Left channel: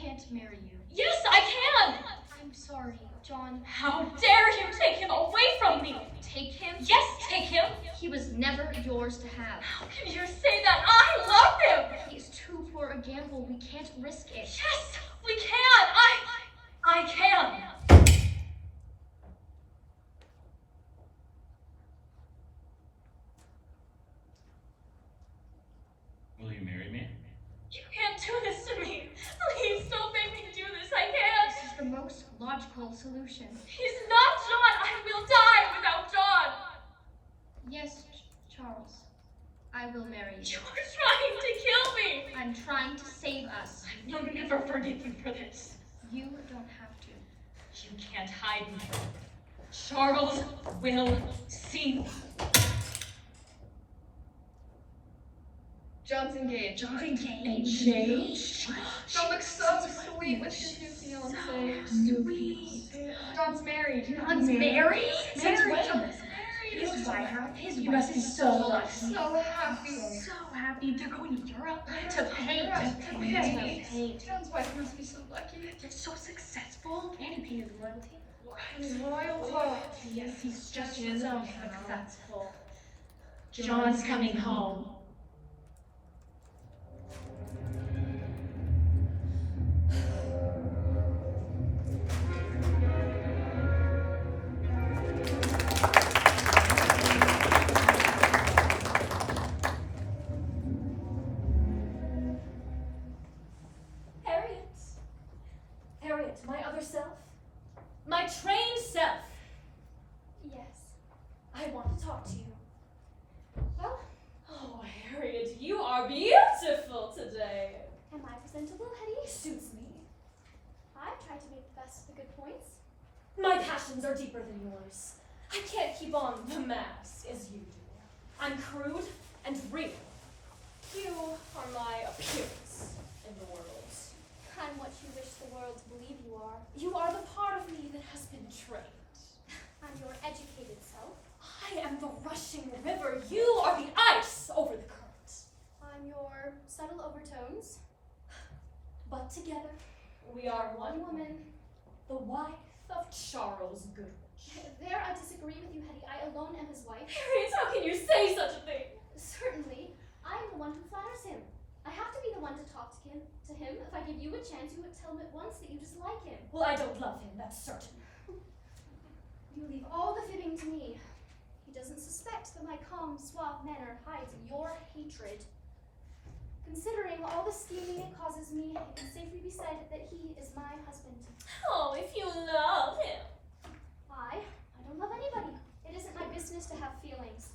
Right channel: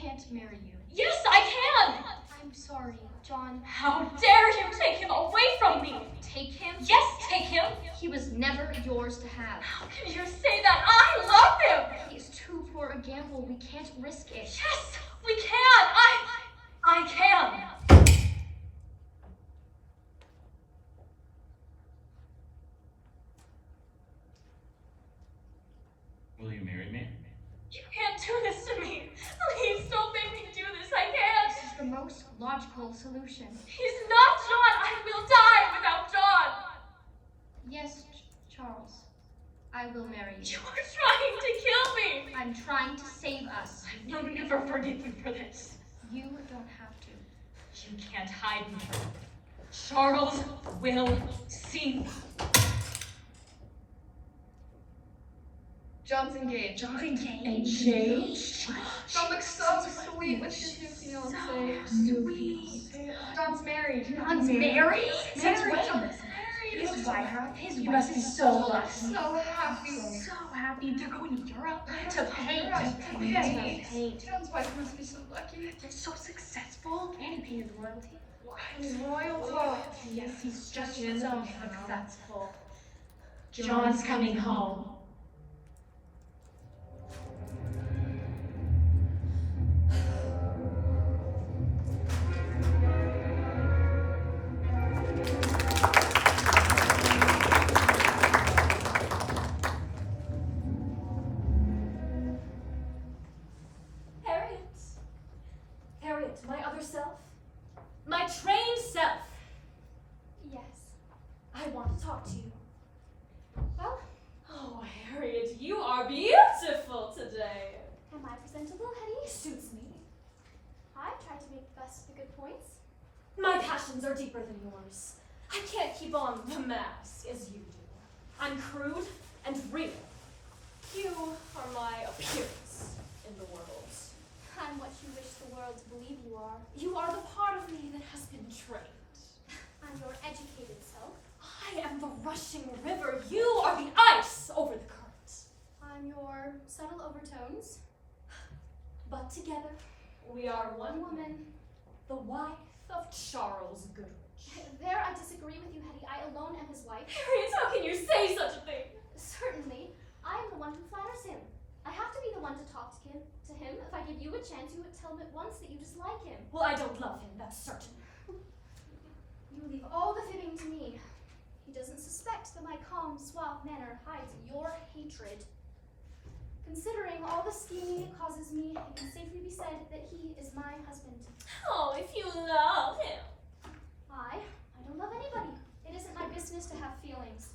can't marry you. Yes, I can! I'm sorry, John. How dare you take him away from me? Take him? Yes, take him! He was never yours to have. How can you say that? I love him! He's too poor a gamble. We can't risk it. Yes, we can! I can! Will you marry me? You can't do this to me. Please don't make me do this. I can't. This is the most logical solution. He's not John. I will die without John. Yes, Charles. I will marry you. You are trying to kill me. I'm trying to save us. I will never forgive you for this. You don't have to. You can't hide me. Charles will see. John's engaged. John's engaged? John looks so sweet with his new fiancée. Sweet. John's married. John's married? Since when? His wife. You must be so lucky. So happy. So happy. They're going to Europe to paint. John's wife must be so lucky. They're so successful. And he pays royalty. And his royal Yes, he's just so successful. John's coming home. Harriet, my other self. My trained self. Yes. I want to talk to you. Well, Oh, Harriet, you are beautiful today. am I presentable, Hetty? Suits me. I tried to make the best of the good points. My passions are deeper than yours. I can't keep on the mask as you do. I'm crude and real. You are my appearance in the world. I'm what you wish the world to believe you are. You are the part of me that has been trained. I'm your educated self. I am the rushing river. You are the ice over the current. I'm your subtle overtones. But together, we are one woman, the wife of Charles Goodrich. There I disagree with you, Hetty. I alone am his wife. Harriet, how can you say such a thing? Certainly, I am the one who flatters him. I have to be the one to talk to him. If I give you a chance, you would tell him at once that you dislike him. Well, I don't love him, that's certain. You leave all the fibbing to me. He doesn't suspect that my calm, suave manner hides your hatred. Considering all the scheming it causes me, it can safely be said that he is my husband. Oh, if you love him. I don't love anybody. It isn't my business to have feelings.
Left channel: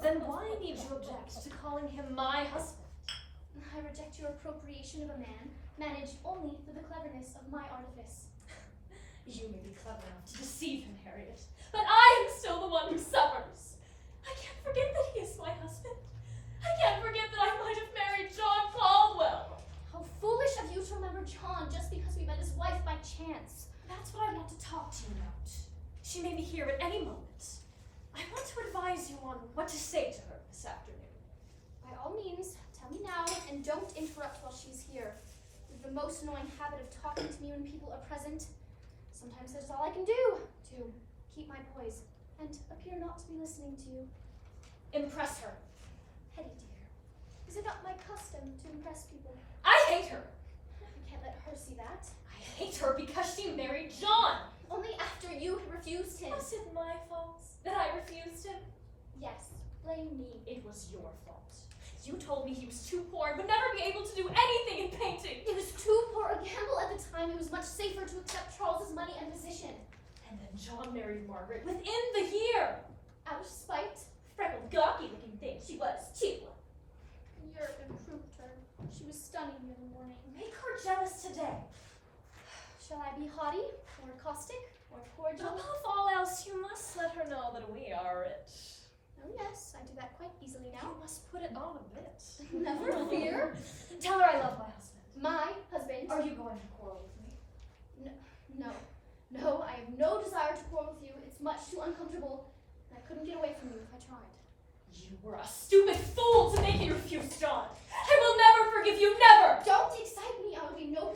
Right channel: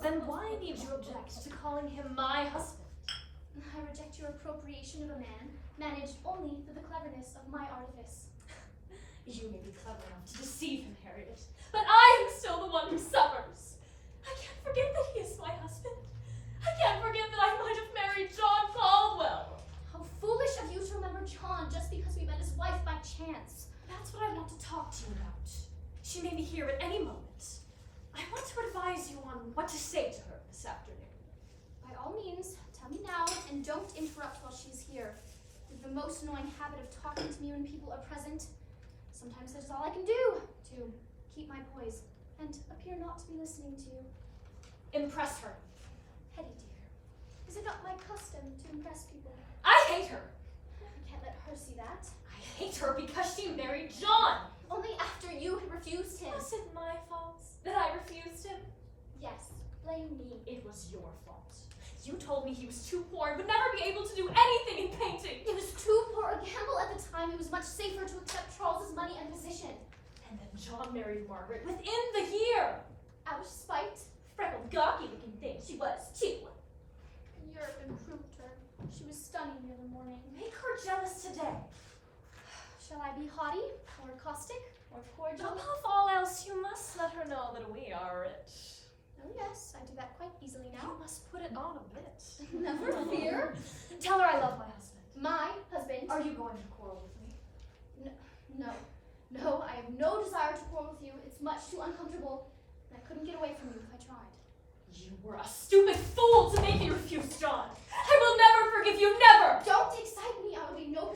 Then why need you object to calling him my husband? I reject your appropriation of a man, managed only through the cleverness of my artifice. You may be clever enough to deceive him, Harriet, but I am still the one who suffers. I can't forget that he is my husband. I can't forget that I might have married John Caldwell. How foolish of you to remember John just because we met his wife by chance. That's what I want to talk to you about. She may be here at any moment. I want to advise you on what to say to her this afternoon. By all means, tell me now, and don't interrupt while she's here. With the most annoying habit of talking to me when people are present, sometimes that's all I can do to keep my poise and appear not to be listening to you. Impress her. Hetty dear, is it not my custom to impress people? I hate her. I can't let her see that. I hate her because she married John. Only after you had refused him. Was it my fault that I refused him? Yes, blame me. It was your fault. You told me he was too poor and would never be able to do anything in painting. It was too poor a gamble at the time. It was much safer to accept Charles's money and position. And then John married Margaret within the year. Out of spite, Freckled, gawky-looking thing she was, too. Europe improved her. She was stunning the other morning. Make her jealous today. Shall I be haughty, or caustic, or cordial? Above all else, you must let her know that we are rich. Oh yes, I do that quite easily now. You must put it on a bit. Never fear. Tell her I love my husband. My husband. Are you going to quarrel with me? No, I have no desire to quarrel with you. It's much too uncomfortable, and I couldn't get away from you if I tried. You were a stupid fool to make me refuse John. I will never forgive you, never! Don't excite me. I will be no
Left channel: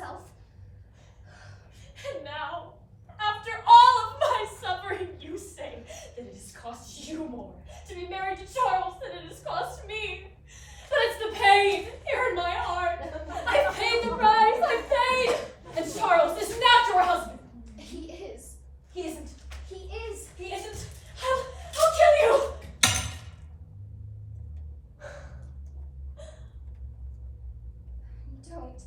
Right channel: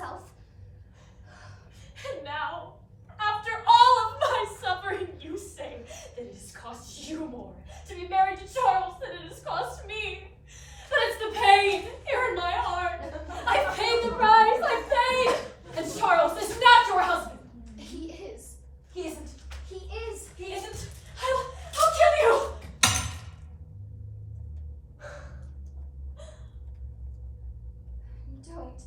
yourself. And now, after all of my suffering, you say that it has cost you more to be married to Charles than it has cost me. But it's the pain here in my heart. I've paid the price, I've paid. And Charles is not your husband. He is. He isn't. He is. He isn't. I'll kill you. Don't.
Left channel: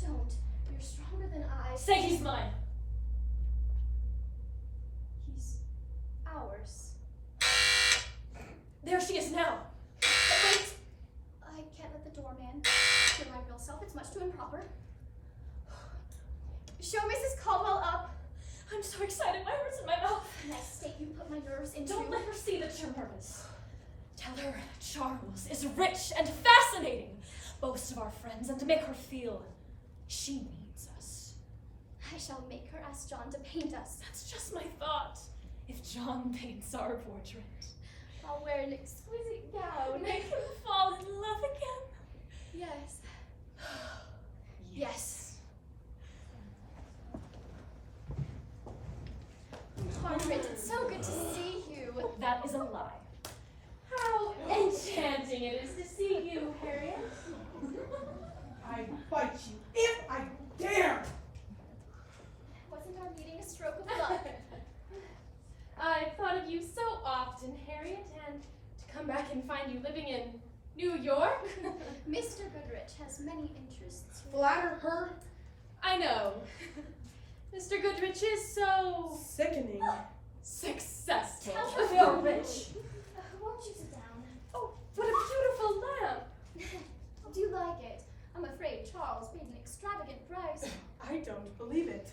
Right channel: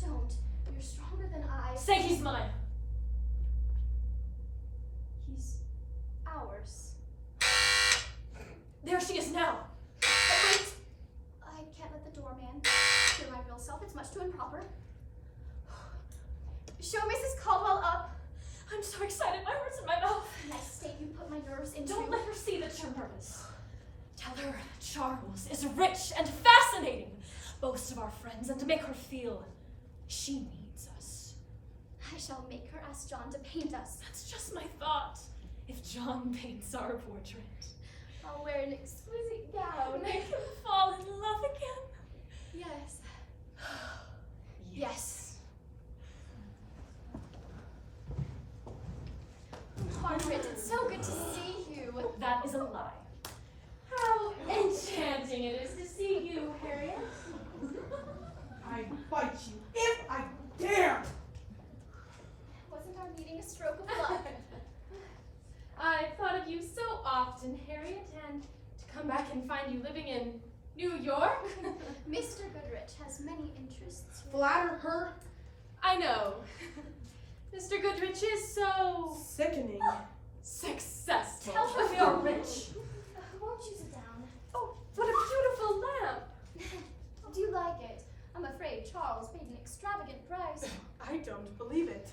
Don't. You're stronger than I. Say he's mine. He's ours. There she is now. But wait. I can't let the doorman hear my real self. It's much too improper. Show Mrs. Caldwell up. I'm so excited. My heart's in my mouth. That state you put my nerves into. Don't let her see that you're nervous. Tell her Charles is rich and fascinating. Boast of our friends and to make her feel she needs us. I shall make her ask John to paint us. That's just my thought. If John paints our portrait, I'll wear an exquisite gown. make him fall in love again. Yes. Yes. Margaret, it's so good to see you. That is a lie. How enchanting it is to see you, Harriet. I fight you if I dare! Wasn't our meeting a stroke of luck? I've thought of you so often, Harriet, and to come back and find you living in New York. Mr. Goodrich has many interests. Flatter her? I know. Mr. Goodrich is so Sickening. successful. Tell her you're rich. Won't you sit down? Oh, what a beautiful lamp. Do you like it? I'm afraid Charles paid an extravagant price. I don't believe it.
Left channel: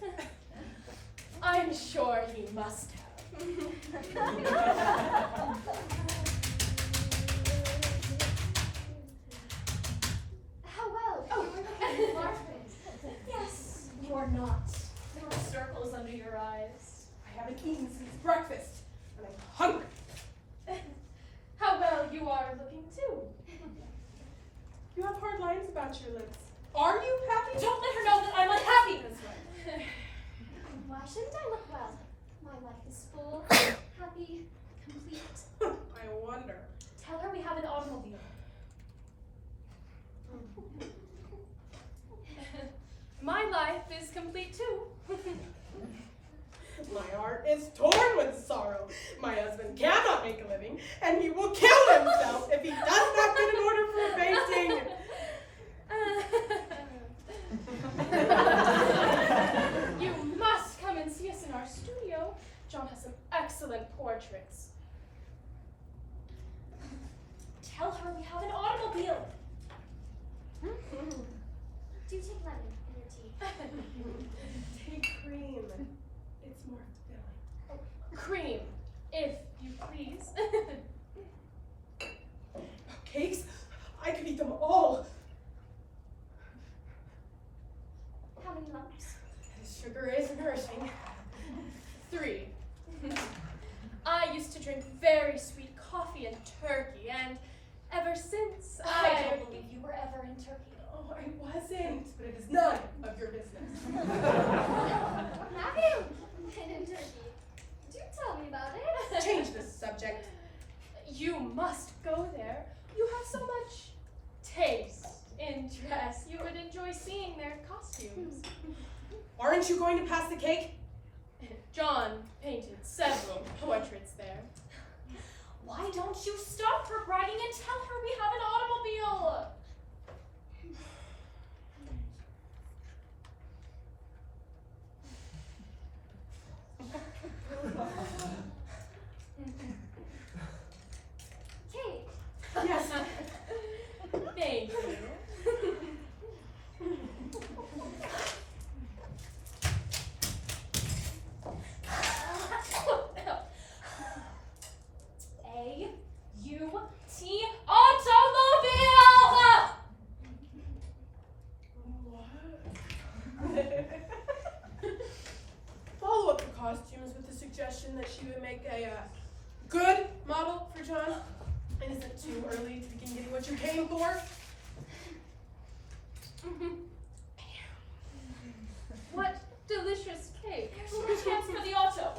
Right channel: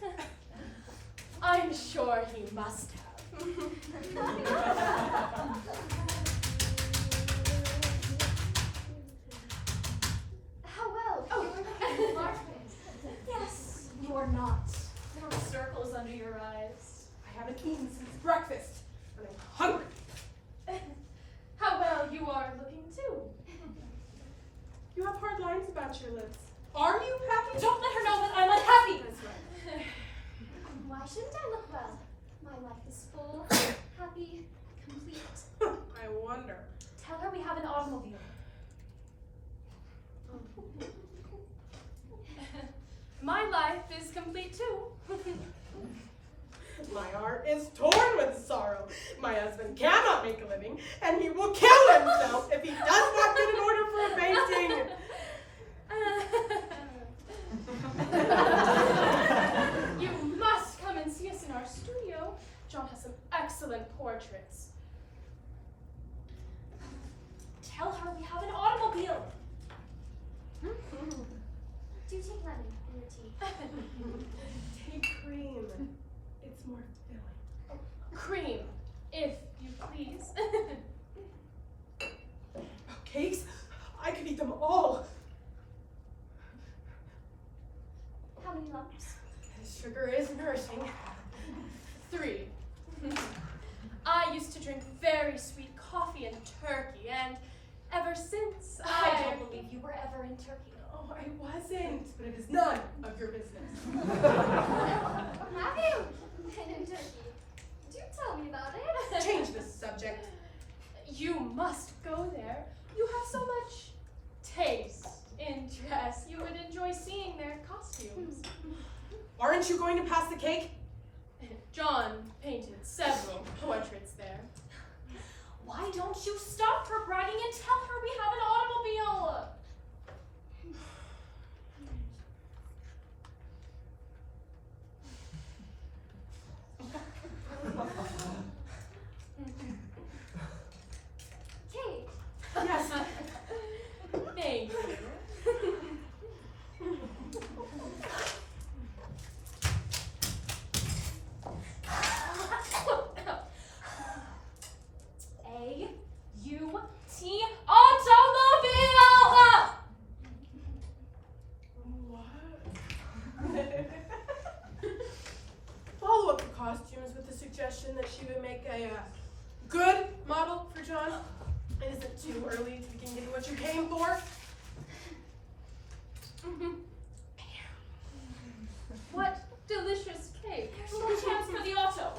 I'm sure he must have. How well? Oh. You're looking Margaret. Yes, you're not. There are circles under your eyes. I haven't eaten since breakfast, and I'm hungry. How well you are looking too. You have hard lines about your lips. Are you happy? Don't let her know that I'm unhappy. That's right. Why shouldn't I look well? My life is full, happy, complete. I wonder. Tell her we have an automobile. My life is complete too. My heart is torn with sorrow. My husband cannot make a living, and he will kill himself if he does not get an order for a painting. You must come and see us in our studio. John has some excellent portraits. Tell her we have an automobile. Do you take lemon in your tea? Take cream. It's more filling. Cream, if you please. Cakes? I could eat them all. How many lumps? Sugar is nourishing. 3. I used to drink very sweet coffee and turkey, and ever since I don't believe you were ever in Turkey. Oh, I wasn't, but it is none of your business. Have you been in Turkey? Do tell me about it. Change the subject. You must go there. You have so much taste in dress. You would enjoy seeing their costumes. Aren't you going to pass the cake? John painted several portraits there. Why don't you stop her bragging and tell her we have an automobile? Cake. Yes. Thank you. A-U-T automobile! What? Follow up the costumes with the suggestion that she would make a good model for John. Is it too early to begin getting what you came for? Mhm. What delicious cake. Chance for the auto.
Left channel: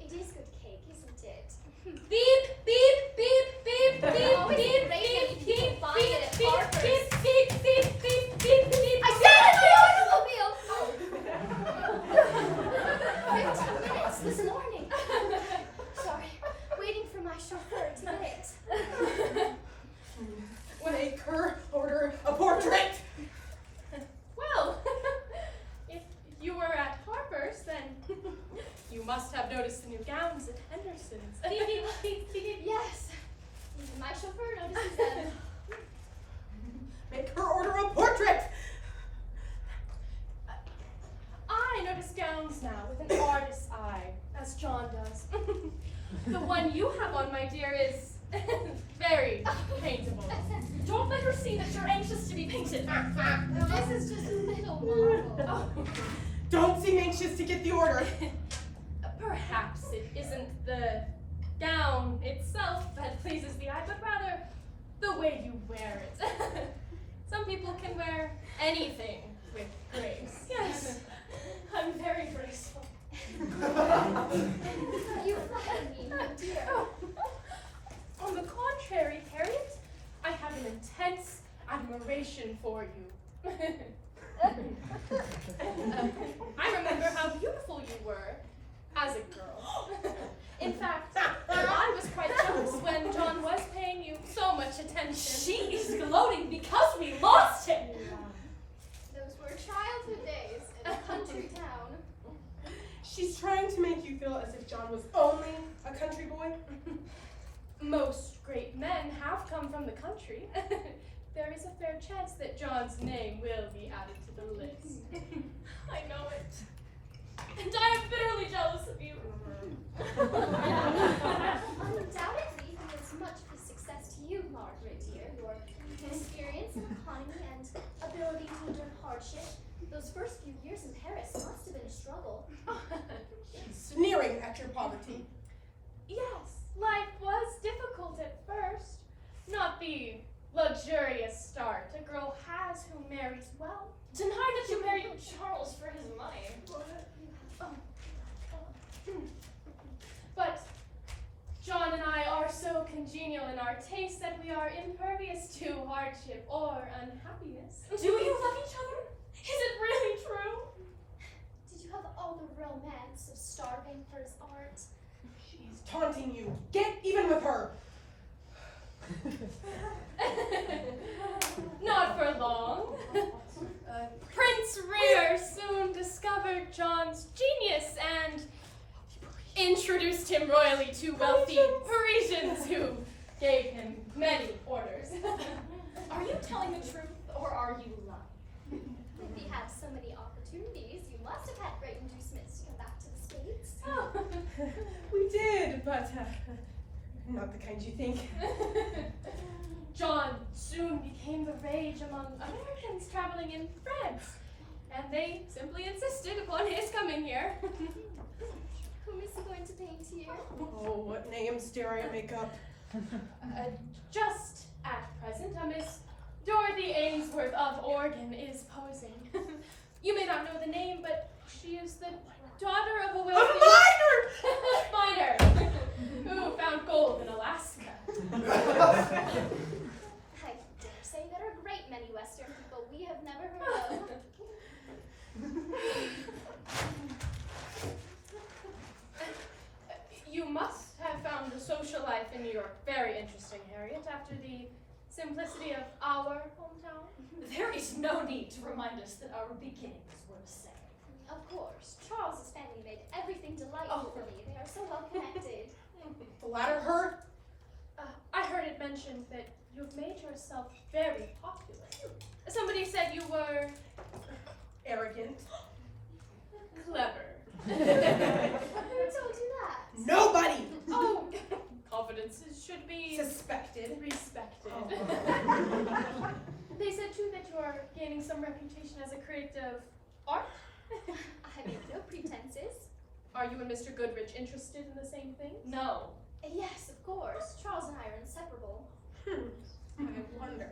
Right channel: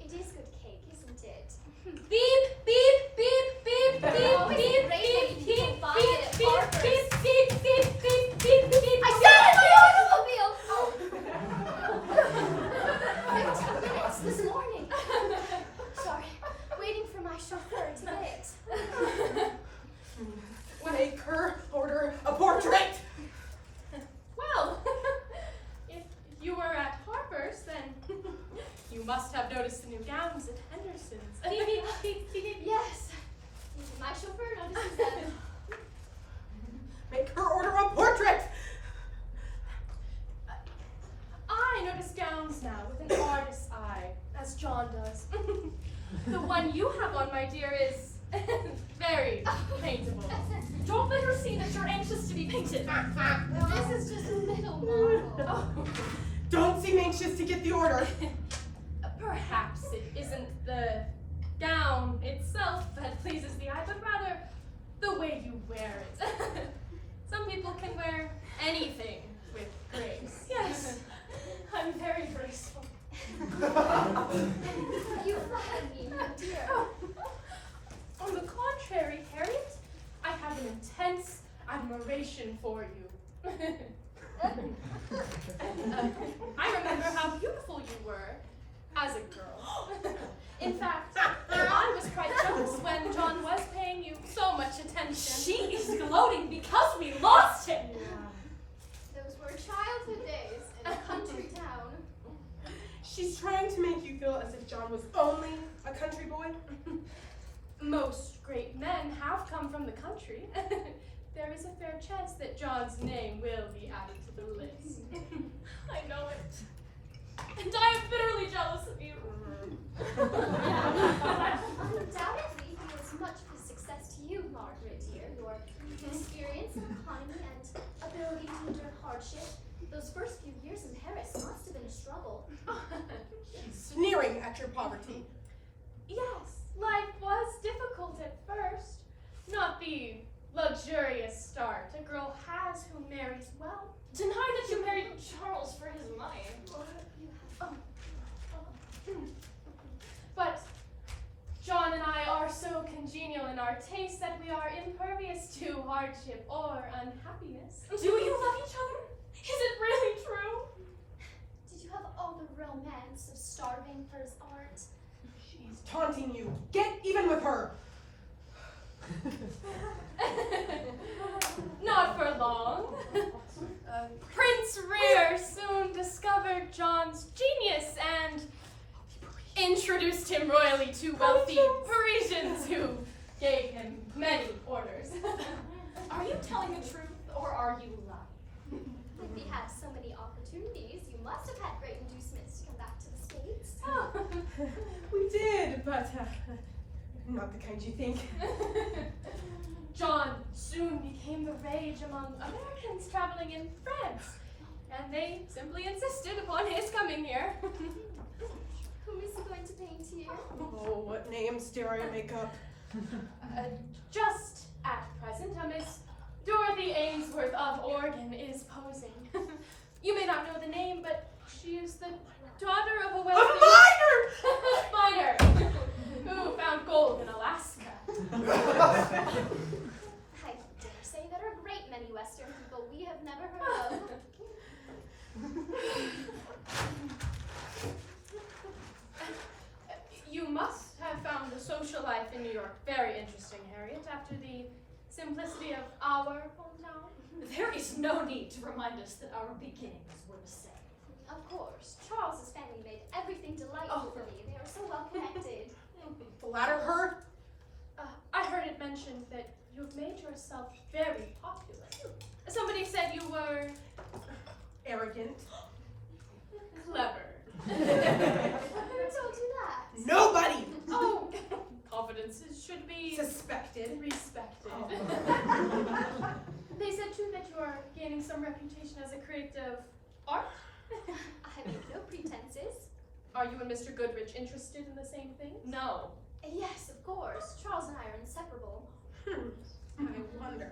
It is good cake, isn't it? Beep, beep, beep, beep, beep, Always beep, great when beep, you beep, can find it at beep, Harper's. beep, beep, beep, beep, beep, beep. I got it, my automobile! Oh. 15 minutes this morning. Sorry, waiting for my chauffeur to get it. Make her order a portrait. Well, if you were at Harper's, then you must have noticed the new gowns at Henderson's. Yes, even my chauffeur notices them. Make her order a portrait. I notice gowns now with an artist's eye, as John does. The one you have on, my dear, is very paintable. Don't let her see that you're anxious to be painted. This is just a little model. Oh, Don't seem anxious to get the order. perhaps it isn't the gown itself that pleases the eye, but rather the way you wear it. Some people can wear anything with grace. Yes, I'm very graceful. You flatter me, my dear. Oh. On the contrary, Harriet, I have an intense admiration for you. I remember how beautiful you were as a girl. In fact, I was quite jealous when John was paying you so much attention. She is gloating because we lost him. Those were childhood days in a country town. She's trying to make you feel as if John was only a country boy. Most great men have come from the country. There is a fair chance that John's name will be added to the list. I know it. And I am bitterly jealous of you. Undoubtedly, he was much of a success to you, Margaret, dear. Your experience, economy, and ability to endure hardship. Those first few years in Paris must have been a struggle. She's sneering at your poverty. Yes, life was difficult at first. Not the luxurious start a girl has who marries well. Deny that you married Charles for his money. But John and I are so congenial in our tastes that we are impervious to hardship or unhappiness. Do you love each other? Is it really true? Did you have all the romance of starving for his art? She's taunting you. Get even with her. Not for long. Prince Rear soon discovered John's genius and introduced him royally to wealthy Parisians who gave him many orders. Are you telling the truth or are you lying? If he had so many opportunities, you must have had great inducements to come back to the States. Oh. We did, but not the kind you think. John soon became the rage among Americans traveling in France, and they simply insisted upon his coming here. Who is he going to paint here? Oh, what names dare I make up? Just at present, a Miss Dorothy Ainsworth of Oregon is posing. You may not know the name, but she is the daughter of a A wealthy miner! miner who found gold in Alaska. I dare say there are a great many Western people we have never heard of. You must have found the social life in New York very interesting, Harriet, after the simplicity of our hometown. There is no need to remind us that our beginnings were the same. Of course, Charles's family made everything delightful for me. They are so well connected. Flatter her? I heard it mentioned that you've made yourself very popular. Somebody said you were Arrogant. clever. Who told you that? Nobody! Oh, confidences should be Suspected. respected. Oh. They said too that you are gaining some reputation as a creative art. I make no pretenses. Are you and Mr. Goodrich interested in the same thing? No. Yes, of course. Charles and I are inseparable. I wonder.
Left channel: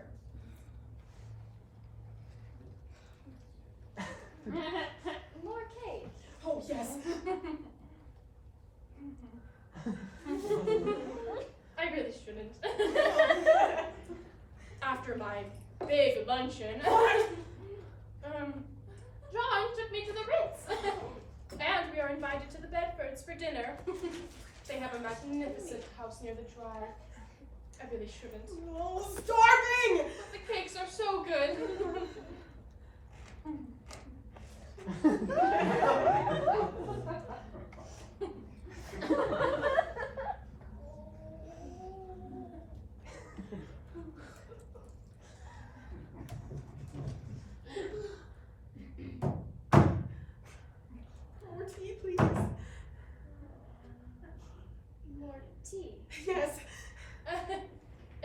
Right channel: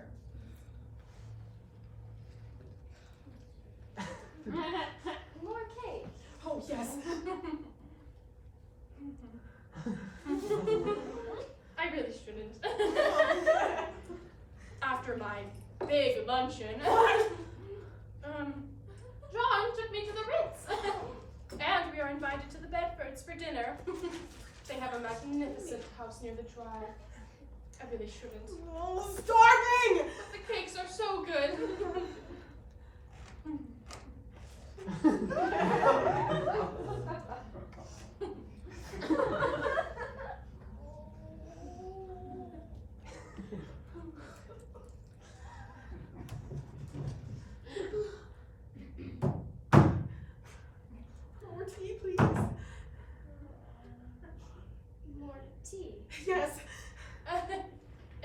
After my big luncheon, John took me to the Ritz. And we are invited to the Bedfords for dinner. They have a magnificent house near the drive. I really shouldn't. Oh, starving! But the cakes are so good. More tea, please. More tea. Yes.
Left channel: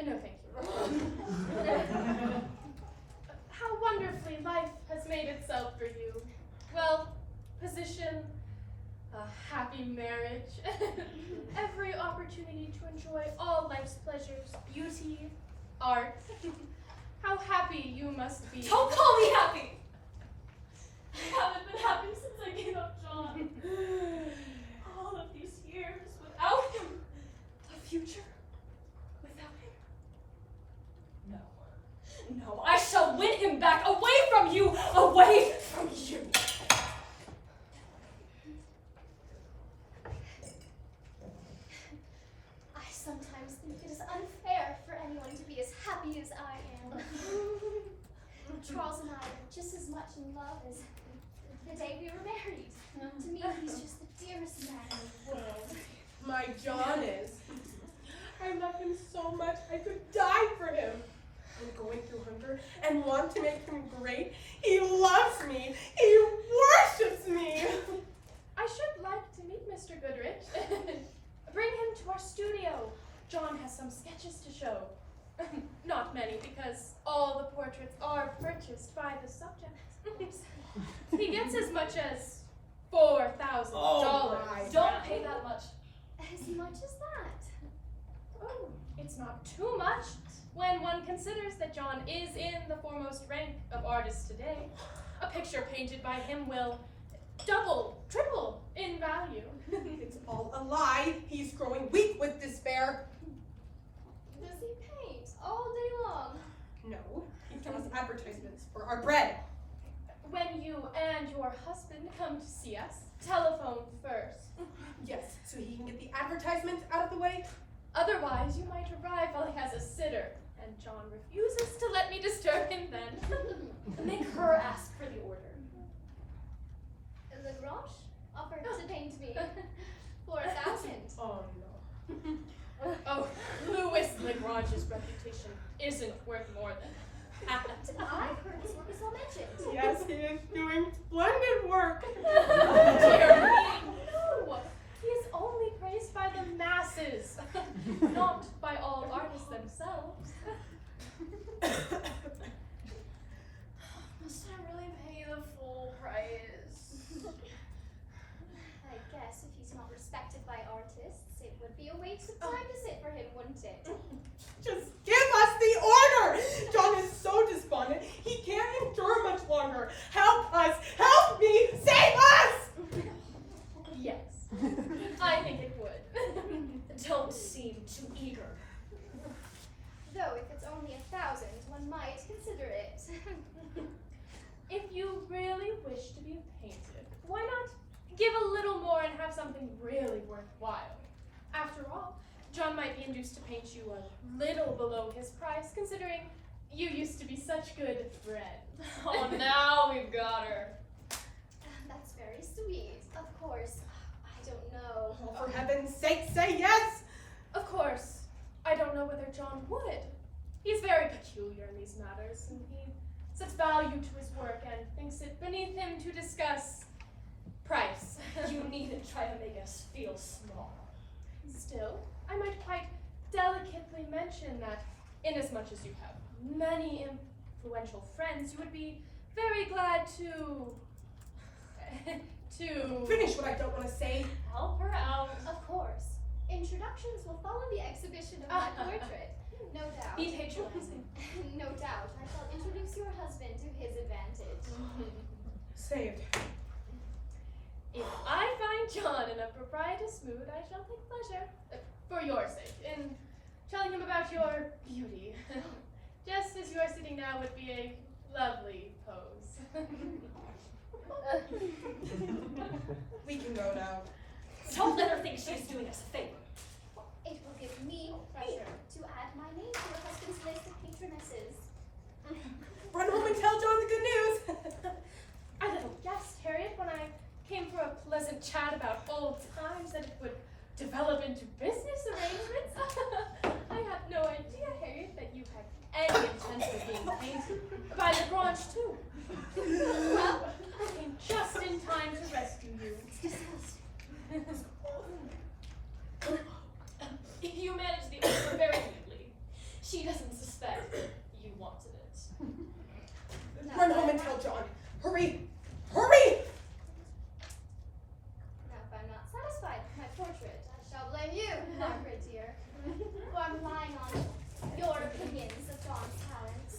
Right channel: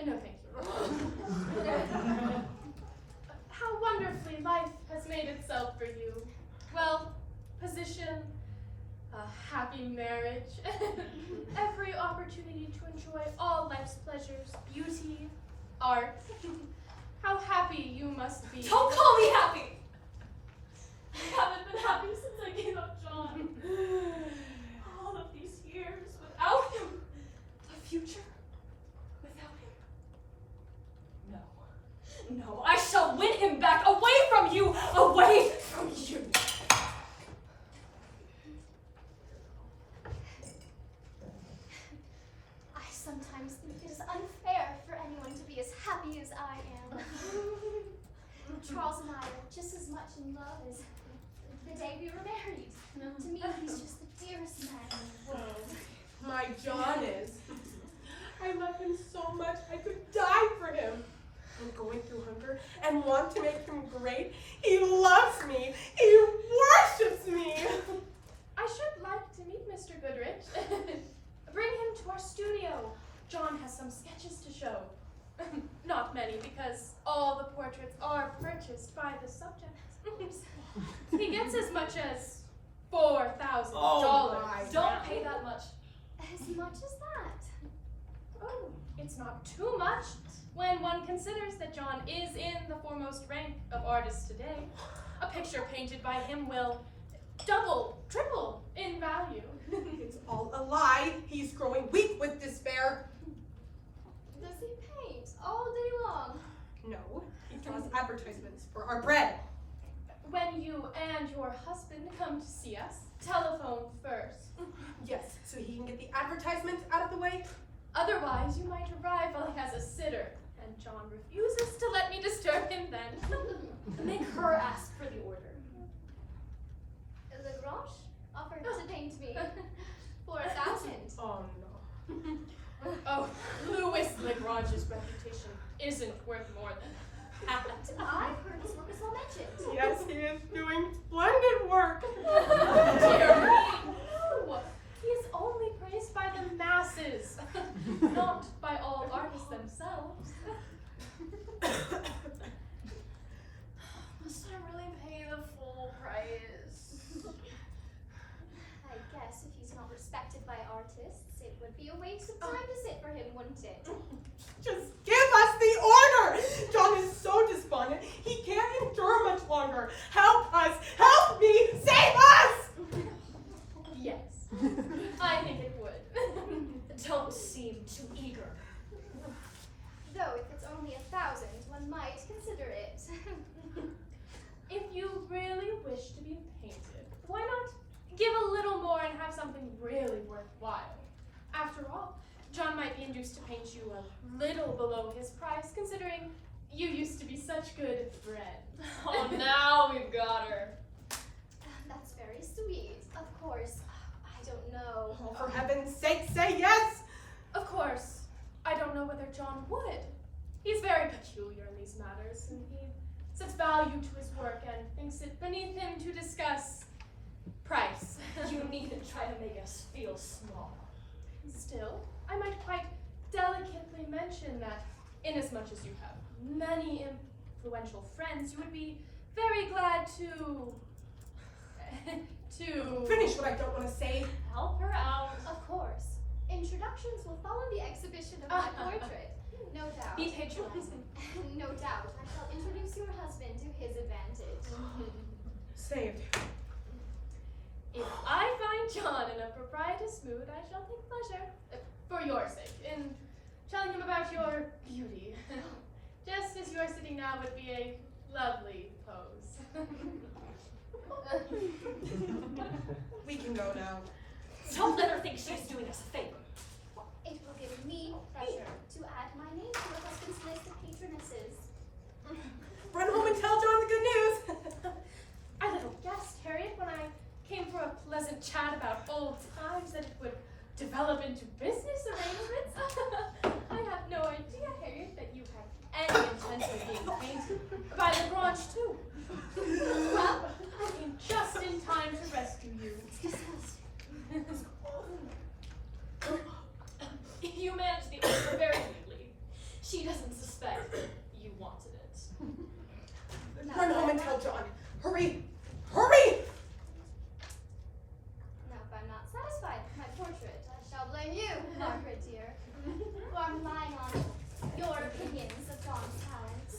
No, thank you. How wonderfully life has made itself for you. Well, position, a happy marriage, every opportunity to enjoy all life's pleasures, beauty, art. How happy you must be. Don't call me happy! I haven't been happy since I gave up John. All of these years without him. The future without him. No. No, I shall win him back away from you! Away from you! I sometimes think it is unfair for anyone to be as happy as I am. Charles and I are just as much in love as the day we were married. To me, he's just the dearest man in the world. My John is. I love him so much I could die for him. I'm going through hunger and want to make him great. He loves me. He worships me. I should like to meet Mr. Goodrich. Bring him to our studio. John has some sketches to show. Not many, because all the portraits are purchased by the subject. He gets as much as $4,000. Oh my. Don't pay that much. As much as that. Oh, it's not too much when one considers that John is in the foremost rank of artists today. A picture painted by him will double, triple in value. It's all a lie. He's growing weak with despair. Does he paint all day long? No, he draws advertisements for our bread. When you and your husband come to see us, telephone first. Yes, so he can get the advertisements out of the way. Otherwise, you might arrive while he has a sitter, and John refuses to let me disturb him then. Make her ask for the order. Lagrange offered to paint me for 1,000. Oh no. Oh, Louis Lagrange's reputation isn't worth more than that. I've heard his work is well mentioned. Yes, he is doing splendid work. Dear me, no! He is only praised by the masses, not by all artists themselves. Must I really pay the full price? I guess if he's not respected by artists, it would be a waste of time to sit for him, wouldn't it? Just give us the order! John is so despondent, he can't endure much longer. Help us! Help me! Save us! Yes, I think it would. Don't seem too eager. Though if it's only 1,000, one might consider it. If you really wish to be painted, why not give a little more and have something really worthwhile? After all, John might be induced to paint you a little below his price, considering you used to be such good friends. Oh, now we've got her. That's very sweet. Of course, I don't know. Oh, for heaven's sake, say yes! Of course, I don't know whether John would. He's very peculiar in these matters, and he sets value to his work and thinks it beneath him to discuss price. You needn't try to make us feel small. Still, I might quite delicately mention that inasmuch as you have many influential friends, you would be very glad to Finish what I don't want to say. Help her out. Of course. Introductions will follow the exhibition of my portrait. No doubt. Be patronizing. No doubt. I shall introduce your husband to his advantage. Saved. If I find John in a propitious mood, I shall take pleasure, for your sake, in telling him about your beauty. Just as you are sitting now would be a lovely pose. We can go now. Don't let her think she's doing us a favor. It will give me pleasure to add my name to your husband's list of patronesses. Run home and tell John the good news. I little guessed, Harriet, when I came for a pleasant chat about old times that it would develop into business arrangements. I have no idea, Harriet, that you had any intention of being painted by the branch too. Well, I came just in time to rescue you. You managed the order very neatly. She doesn't suspect you wanted it. Run home and tell John. Hurry! Hurry! Now, if I'm not satisfied with my portrait, I shall blame you, Margaret dear, who are relying on your opinions of John's talents.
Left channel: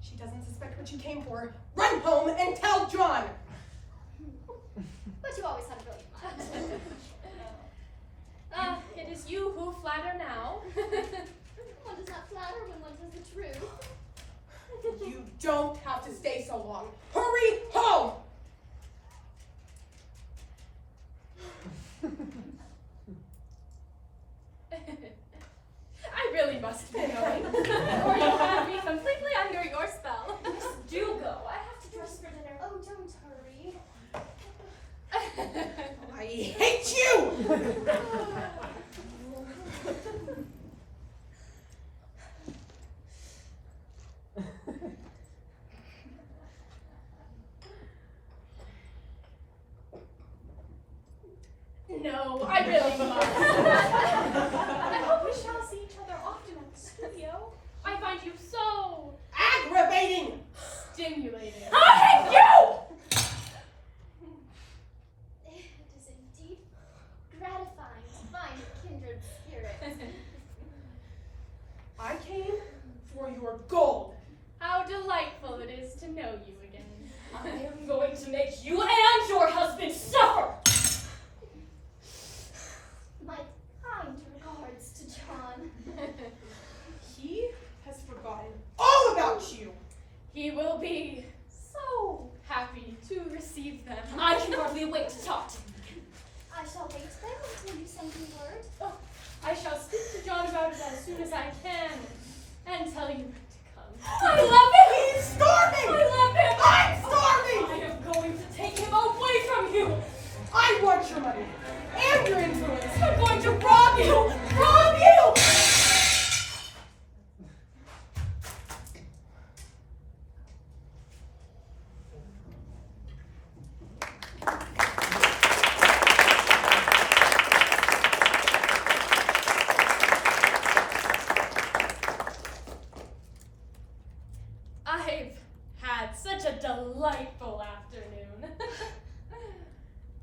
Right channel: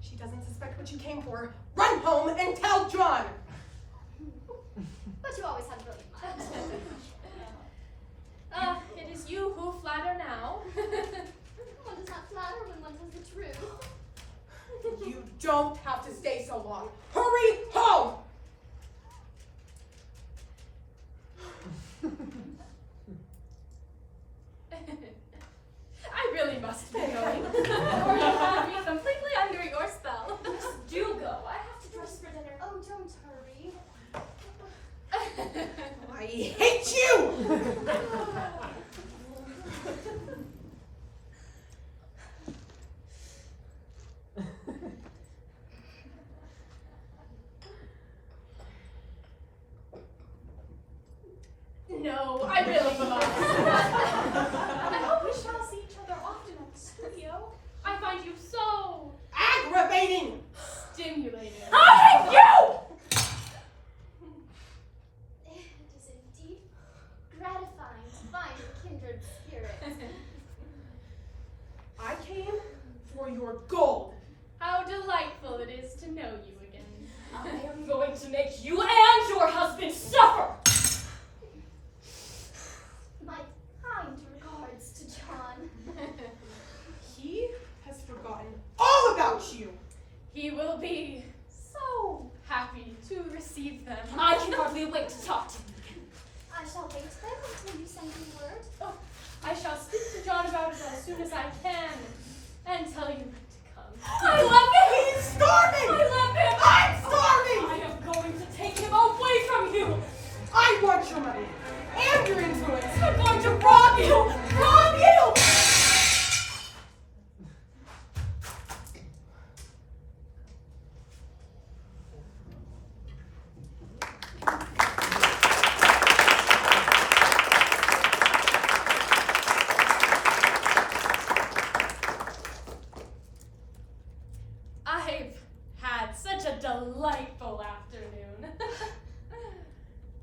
She doesn't suspect what you came for. Run home and tell John! But you always have brilliant minds. It is you who flatter now. One does not flatter when one tells the truth. You don't have to stay so long. Hurry home! I really must be going, or you have me completely under your spell. Do go. I have to dress for dinner. Oh, don't hurry. I hate you! No, I really must. I hope we shall see each other often at the studio. I find you so Aggravating! stimulating. I hate you! It is indeed gratifying to find a kindred spirit. I came for your gold. How delightful it is to know you again. I am going to make you and your husband suffer! My kind regards to John. He has forgotten all about you. He will be so happy to receive them. I can hardly wait to talk to him again. I shall wait then until you send me word. Oh, I shall speak to John about it as soon as I can and tell you when to come. I love him! He's starving! I love him! I'm starving! I am going to take him away from you! I want your money and your influence. I'm going to rob you! Rob you! I've had such a delightful afternoon.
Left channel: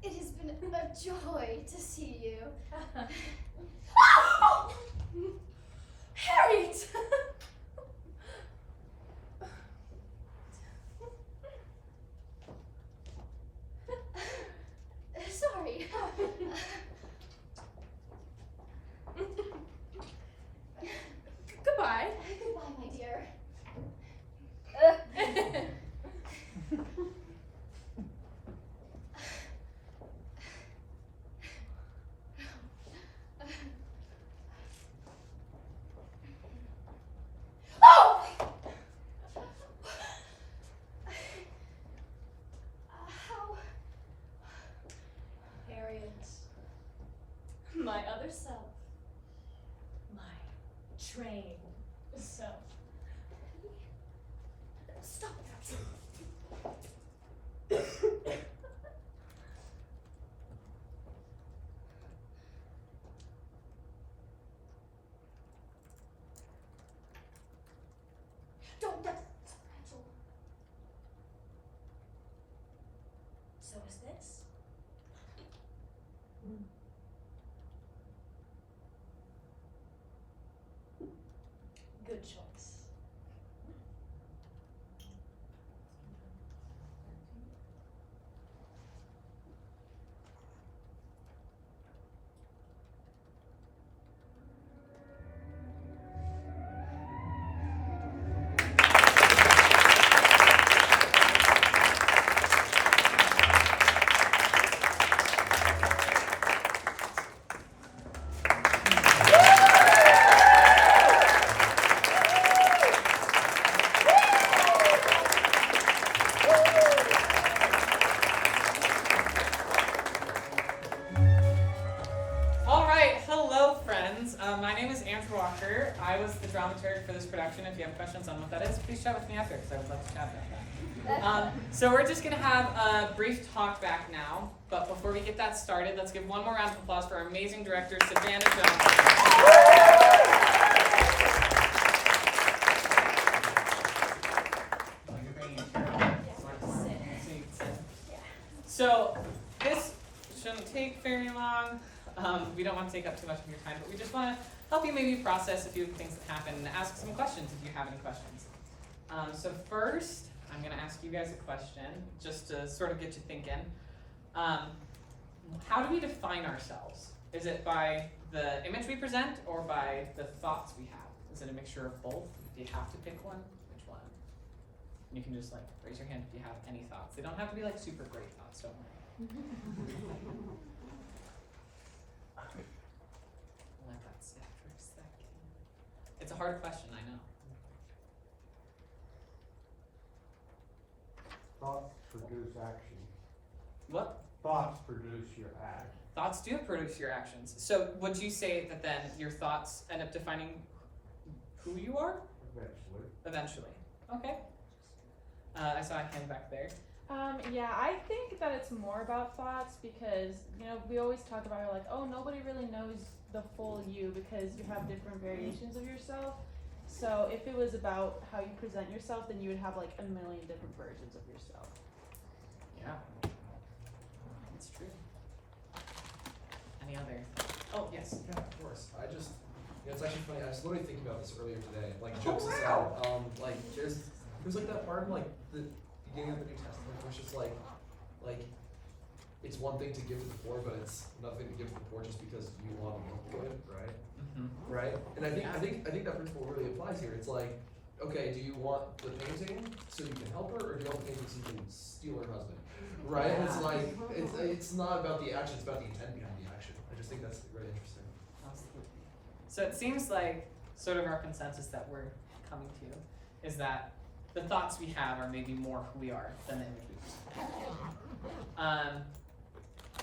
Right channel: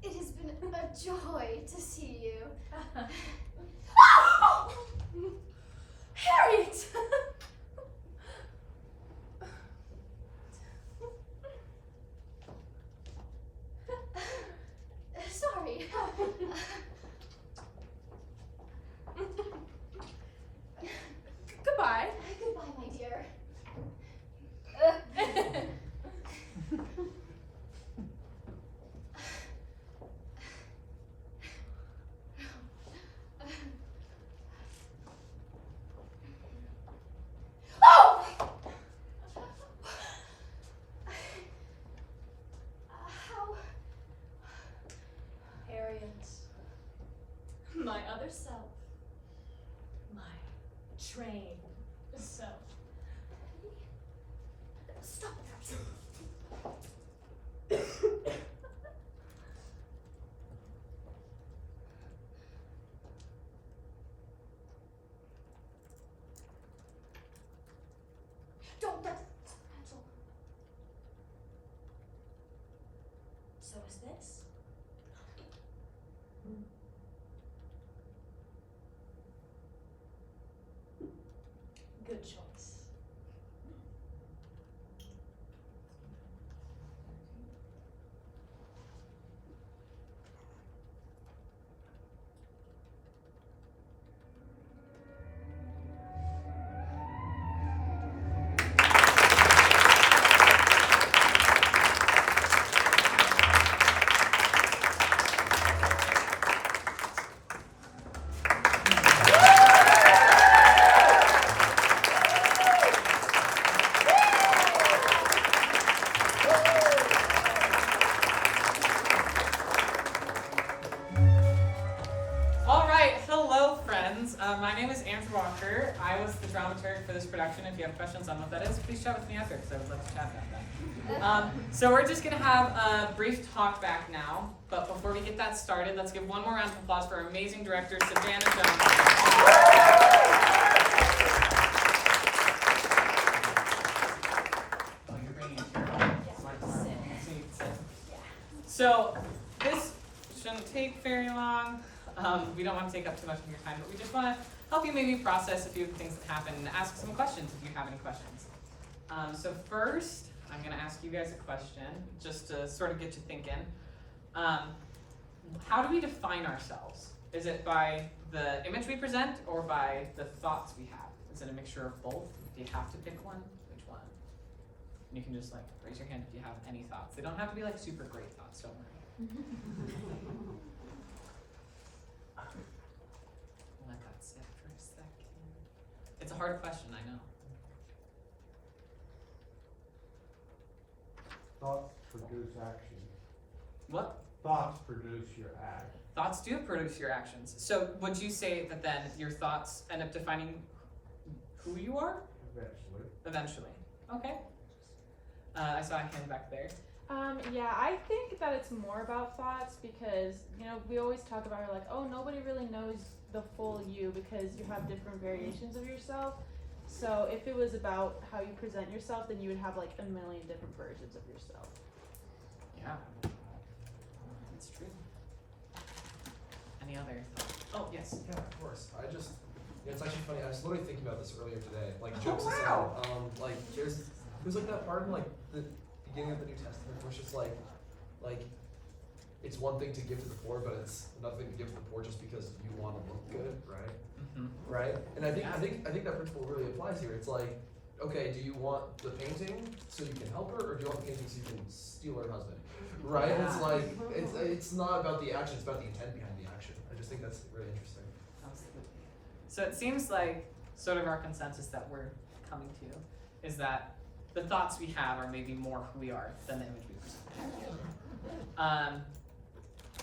It has been a joy to see you. Harriet! Sorry. Goodbye. Goodbye, my dear. Oh! How? Harriet, my other self, my trained self. Stop that. Don't let Rachel. So is this? Good choice. right, hello friends. My name is Andrew Walker. I was the dramaturg for this production. If you have questions on what that is, please chat with me after, because I would love to chat about that. So we're just gonna have a brief talk back now, but before we get that started, let's give one more round of applause for our amazing director, Savannah Johnson. So this shouldn't take very long. We don't want to take up too much of your time, but we just want to help you maybe process a few of the things that happened and ask some questions if you have any questions. So first, I'm going to ask you guys a question just to sort of get you thinking. How do we define ourselves? Is it by the image we present or by the thoughts we have? Is it a mixture of both? Do you have to pick one? Which one? You can just like raise your hand if you have any thoughts. They don't have to be like super great thoughts, don't worry. Let that sit for a second. It's a hard question, I know. Thoughts produce action. What? Thoughts produce your act. Thoughts do produce your actions. So would you say that then your thoughts end up defining who you are? Eventually. Eventually. Okay. I saw a hand back there. Yeah, I think that it's more about thoughts because, you know, we always talk about how like, oh, nobody really knows the full you because you have different variations of yourself. So if it was about how you present yourself, then you would have like a million different versions of yourself. Yeah. It's true. Any other? Oh, yes. Yeah, of course. Yeah, it's actually funny. I was literally thinking about this earlier today. Like, jokes aside, like there's like that part in like the beginning of the New Testament where it's just like it's one thing to give to the poor, but it's another thing to give to the poor just because you want to look good, right? Mm-hmm. Right? And I think that principle really applies here. It's like, okay, do you want the painting so you can help her, or do you want the painting so you can steal her husband? Right? And it's like it's not about the action; it's about the intent behind the action. I just think that's really interesting. Absolutely. So it seems like sort of our consensus that we're coming to is that the thoughts we have are maybe more who we are than the image we present.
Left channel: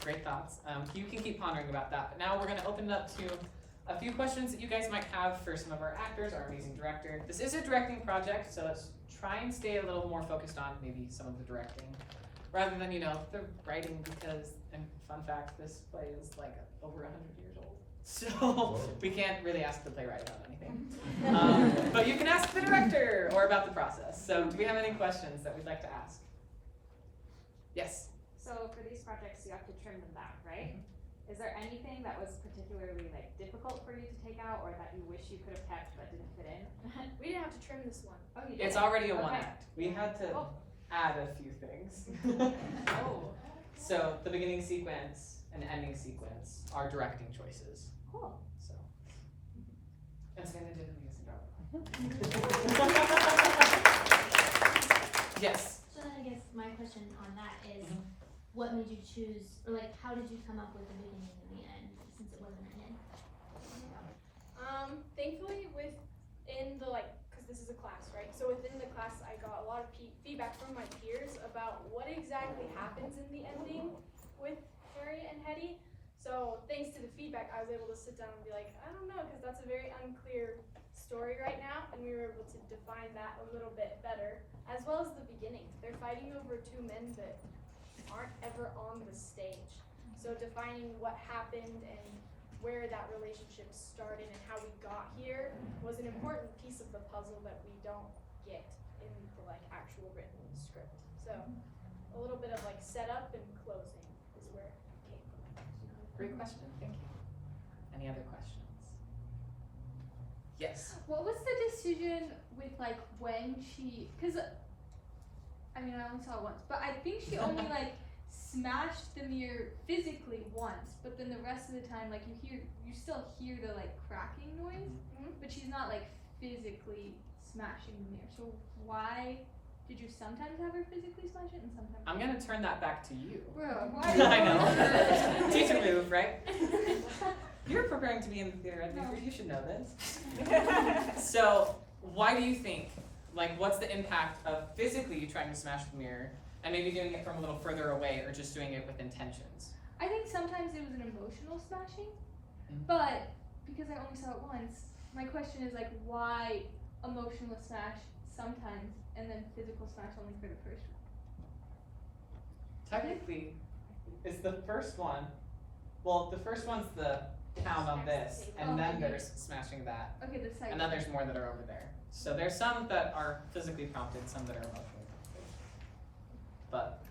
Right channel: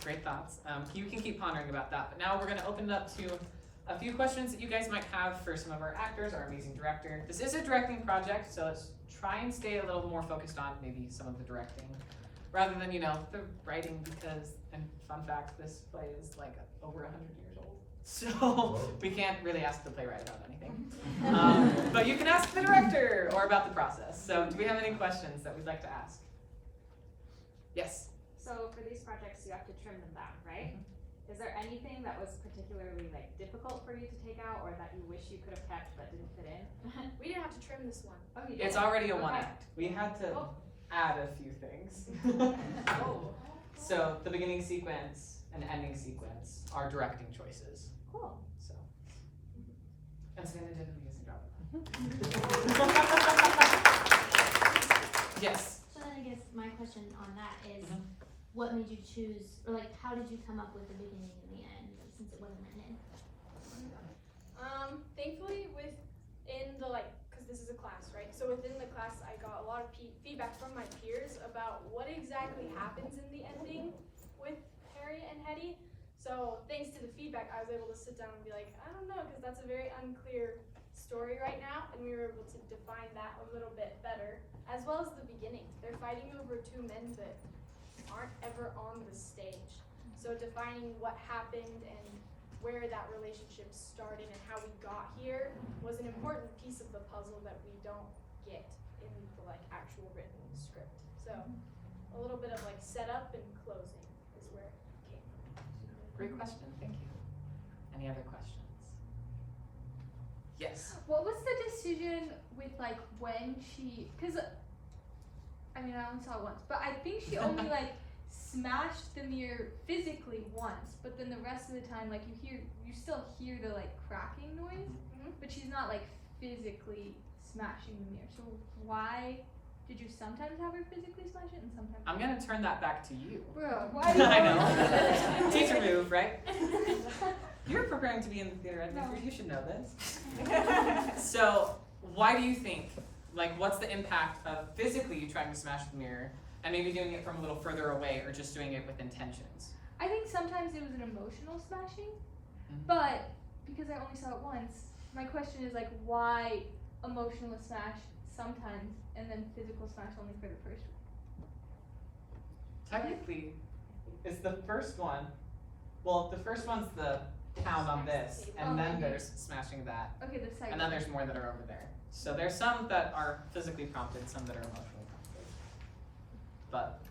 Great thoughts. You can keep pondering about that. But now we're going to open it up to a few questions that you guys might have for some of our actors, our amazing director. This is a directing project, so let's try and stay a little more focused on maybe some of the directing rather than, you know, the writing because, and fun fact, this play is like over 100 years old. So we can't really ask the playwright about anything. But you can ask the director or about the process. So do we have any questions that we'd like to ask? Yes? So for these projects, you have to trim them down, right? Is there anything that was particularly like difficult for you to take out or that you wish you could have kept but didn't fit in? We didn't have to trim this one. Oh, you did? It's already a Okay. one act. We had to add a few things. So the beginning sequence and ending sequence are directing choices. Cool. So, and Savannah did an amazing job. Yes. So then I guess my question on that is, what made you choose, or like, how did you come up with the beginning and the end, since it wasn't written in? Thankfully within the, like, cause this is a class, right? So within the class, I got a lot of feedback from my peers about what exactly happens in the ending with Harry and Hetty. So thanks to the feedback, I was able to sit down and be like, I don't know, cause that's a very unclear story right now, and we were able to define that a little bit better, as well as the beginning. They're fighting over two men that aren't ever on the stage. So defining what happened and where that relationship started and how we got here was an important piece of the puzzle that we don't get in the like actual written script. So a little bit of like setup and closing is where it came from. Great question. Thank you. Any other questions? Yes. What was the decision with like when she, because I mean I only saw it once, but I think she only like smashed the mirror physically once, but then the rest of the time like you still hear the like cracking noise, but she's not like physically smashing the mirror. So why did you sometimes have her physically smash it and sometimes I'm gonna turn that back to you. Bro, why do you I know. Teacher move, right? You're preparing to be in the theater. No. You should know this. So, why do you think, like, what's the impact of physically trying to smash the mirror and maybe doing it from a little further away or just doing it with intentions? I think sometimes it was an emotional smashing. But because I only saw it once, my question is like, why emotional smash sometimes and then physical smash only for the first one? Technically, it's the first one. Well, the first one's the pound on this, and then there's smashing that, Okay, the second. and then there's more that are over there. So there's some that are physically prompted, some that are emotionally prompted. But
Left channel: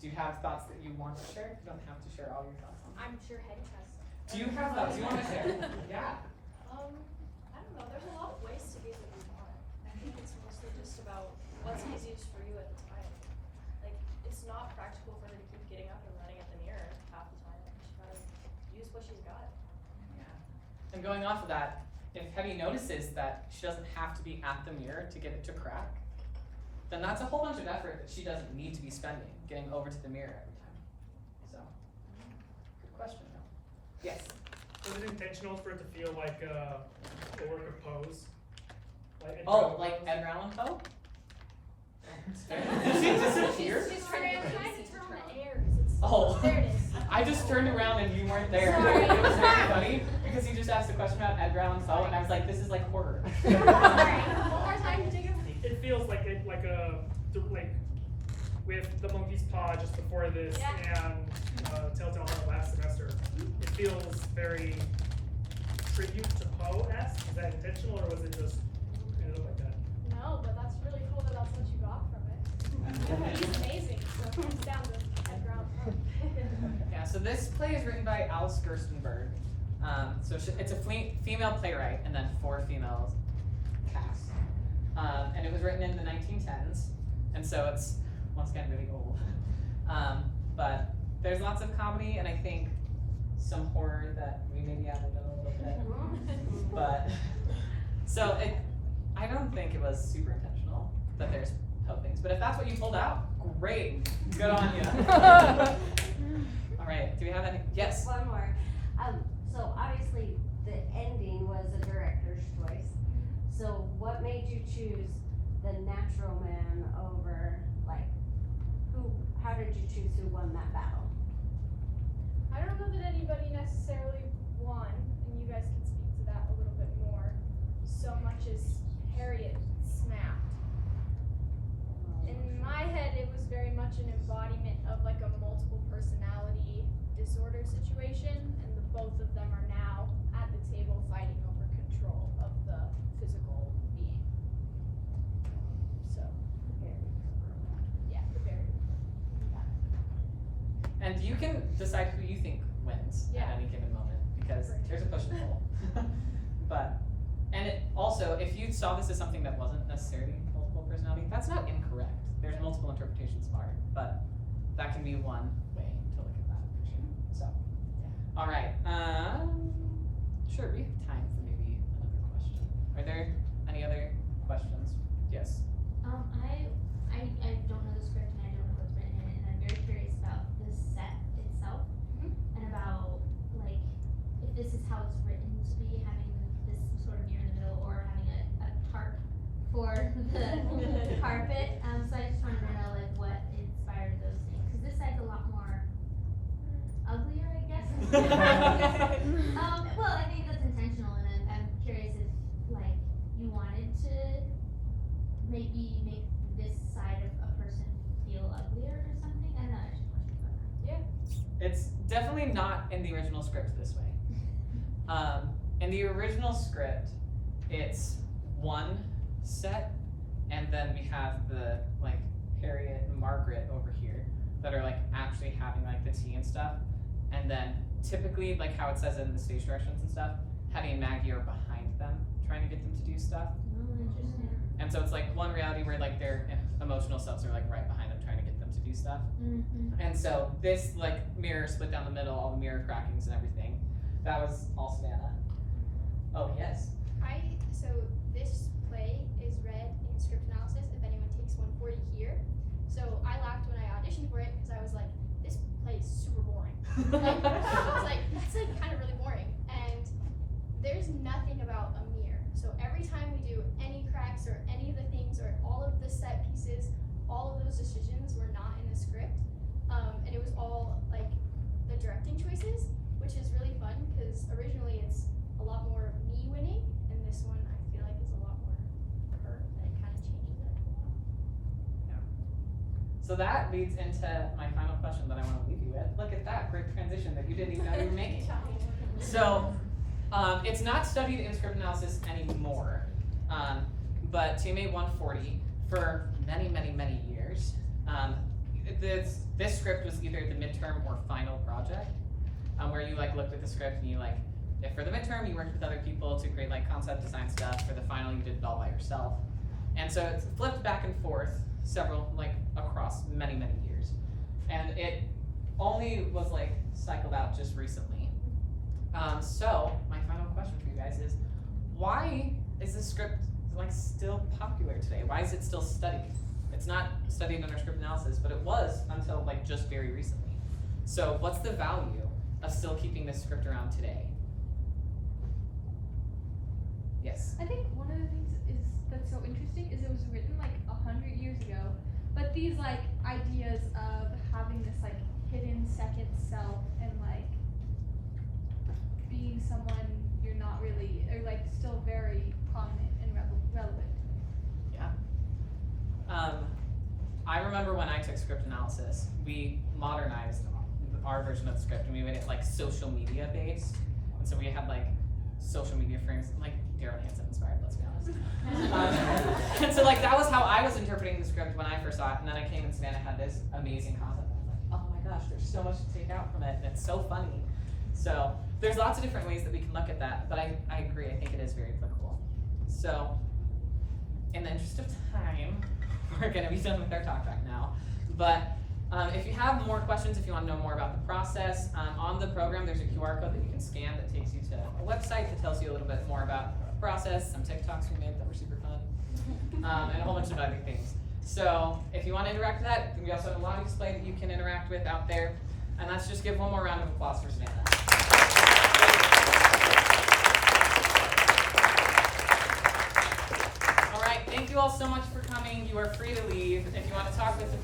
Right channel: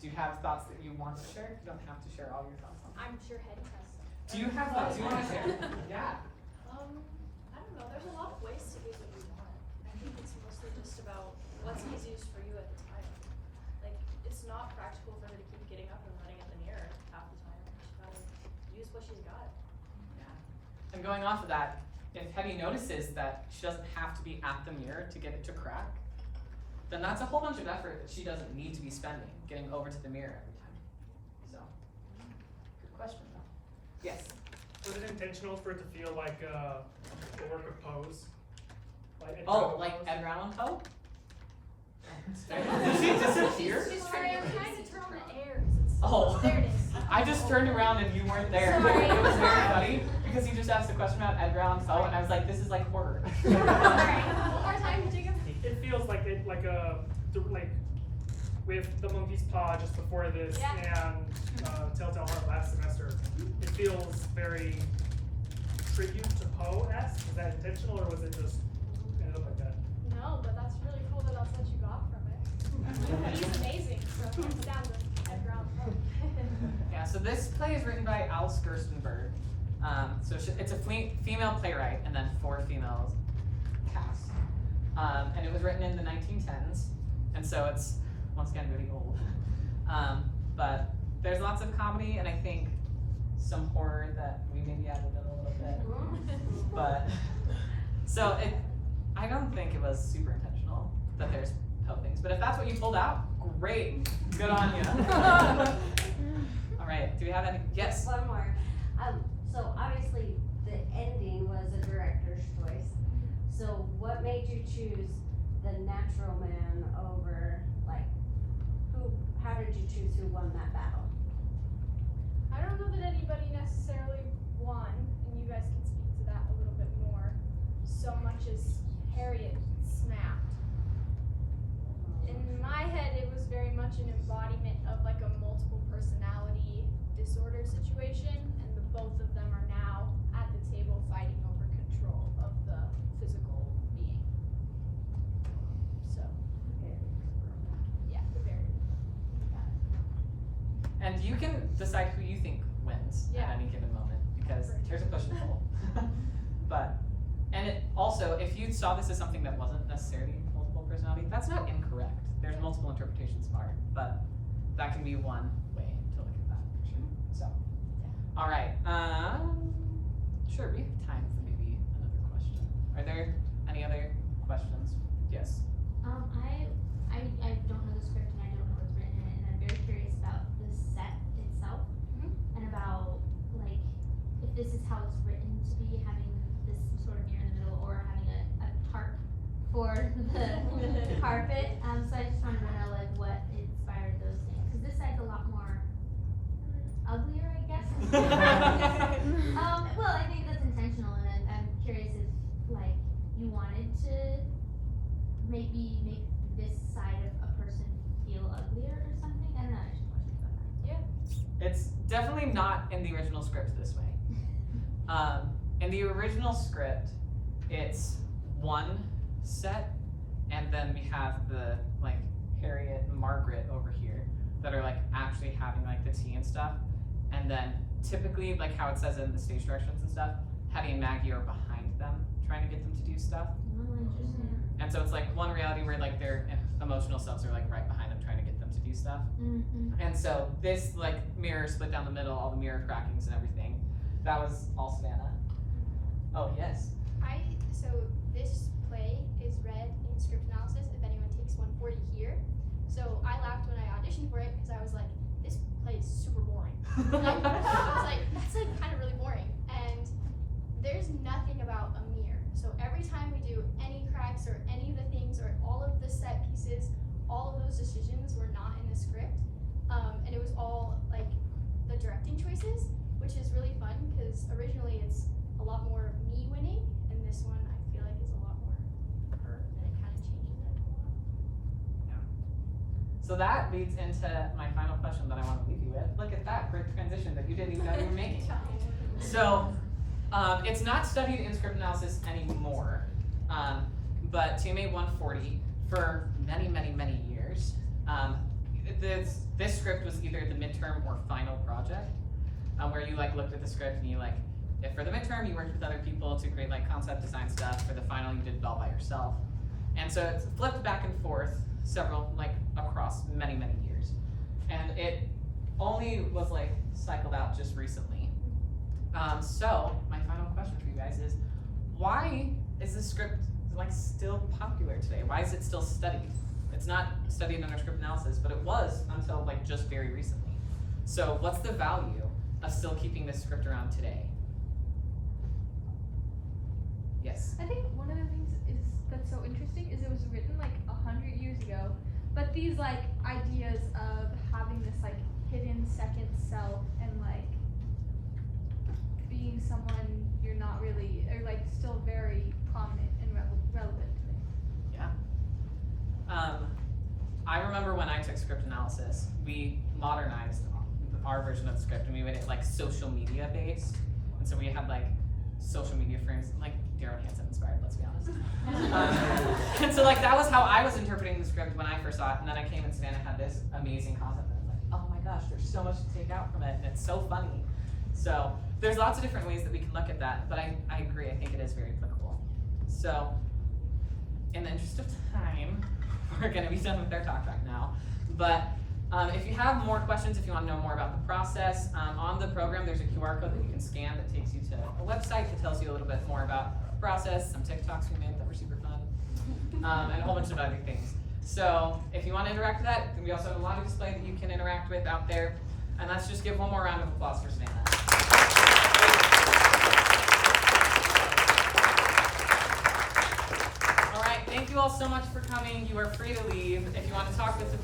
do you have thoughts that you want to share? You don't have to share all your thoughts on it. I'm sure Hetty has. Do you have thoughts you want to share? Yeah. I don't know. There's a lot of ways to get what you want. I think it's mostly just about what's easiest for you at the time. Like, it's not practical for her to keep getting up and running at the mirror half the time. She's gotta use what she's got. Yeah. And going off of that, if Hetty notices that she doesn't have to be at the mirror to get it to crack, then that's a whole bunch of effort that she doesn't need to be spending getting over to the mirror every time. So, good question though. Yes. Was it intentional for it to feel like a work of pose? Like Like Edgar Allan Poe? Did she disappear? I'm trying to turn on the air because it's. Oh. There it is. I just turned around and you weren't there. Sorry. It was very funny because you just asked a question about Edgar Allan Poe and I was like, this is like horror. Sorry. One more time, Jacob. It feels like with the monkey's paw just before this and Telltale Heart last semester. It feels very tribute to Poe-esque. Is that intentional or was it just ended up like that? No, but that's really cool that that's what you got from it. He's amazing. So it sounds like Edgar Allan Poe. Yeah, so this play is written by Alice Gerstenberg. It's a female playwright and then 4 females cast. And it was written in the 1910s, and so it's, once again, really old. But there's lots of comedy and I think some horror that we maybe added in a little bit. But, so I don't think it was super intentional that there's Poe things, but if that's what you pulled out, great, good on you. All right, do we have any? Yes. One more. So obviously the ending was a director's choice. So what made you choose the natural man over, like, how did you choose who won that battle? I don't know that anybody necessarily won, and you guys can speak to that a little bit more, so much as Harriet snapped. In my head, it was very much an embodiment of like a multiple personality disorder situation, and the both of them are now at the table fighting over control of the physical being. So, yeah, the very. And you can decide who you think wins Yeah. at any given moment, because there's a push and pull. And it also, if you saw this as something that wasn't necessarily multiple personality, that's not incorrect. There's multiple interpretations of art, but that can be one way to look at that for sure. So, all right. Sure, we have time for maybe another question. Are there any other questions? Yes. I don't know the script and I don't know what's written in it, and I'm very curious about the set itself and about like if this is how it's written to be, having this sort of mirror in the middle or having a tarp for the carpet. So I just wanted to know like what inspired those things, because this side's a lot more uglier, I guess. Well, I think that's intentional, and I'm curious if like you wanted to maybe make this side of a person feel uglier or something. I don't know. I just questions about that. Yeah. It's definitely not in the original script this way. In the original script, it's one set, and then we have the like Harriet and Margaret over here that are like actually having like the tea and stuff, and then typically like how it says in the stage directions and stuff, Hetty and Maggie are behind them trying to get them to do stuff. Oh, interesting. And so it's like one reality where like their emotional selves are like right behind them trying to get them to do stuff. Mm-hmm. And so this like mirror split down the middle, all the mirror crackings and everything, that was all Savannah. Oh yes. So this play is read in script analysis if anyone takes 140 here. So I laughed when I auditioned for it because I was like, this play is super boring. Like, I was like, that's like kind of really boring. And there's nothing about a mirror. So every time we do any cracks or any of the things or all of the set pieces, all of those decisions were not in the script. And it was all like the directing choices, which is really fun because originally So that leads into my final question that I want to leave you with. Look at that great transition that you didn't even know you were making. So it's not studied in script analysis anymore, but TMA 140 for many, many, many years. This script was either the midterm or final project, where you like looked at the script and you like, if for the midterm you worked with other people to create like concept design stuff, for the final you did it all by yourself. And so it's flipped back and forth several, like across many, many years. And it only was like cycled out just recently. So my final question for you guys is, why is this script like still popular today? Why is it still studied? It's not studied under script analysis, but it was until like just very recently. So what's the value of still keeping this script around today? Yes. I think one of the things that's so interesting is it was written like 100 years ago, but these like ideas of having this like hidden second self and like being someone you're not really, or like still very prominent and relevant today. Yeah. I remember when I took script analysis, we modernized our version of the script and we made it like social media based. And so we had like social media frames, like Darren Hansen inspired, let's be honest. And so like that was how I was interpreting the script when I first saw it. And then I came and Savannah had this amazing concept and I was like, oh my gosh, there's so much to take out from it and it's so funny. So there's lots of different ways that we can look at that, but I agree, I think it is very applicable. So in the interest of time, we're gonna be done with our talk right now. But if you have more questions, if you want to know more about the process, on the program there's a QR code that you can scan that takes you to a website that tells you a little bit more about the process, some TikToks we made that were super fun, and a whole bunch of other things. So if you want to interact with that, we also have a lobby display that you can interact with out there. And let's just give one more round of applause for Savannah. All right, thank you all so much for coming. You are free to leave. If you want to talk with the people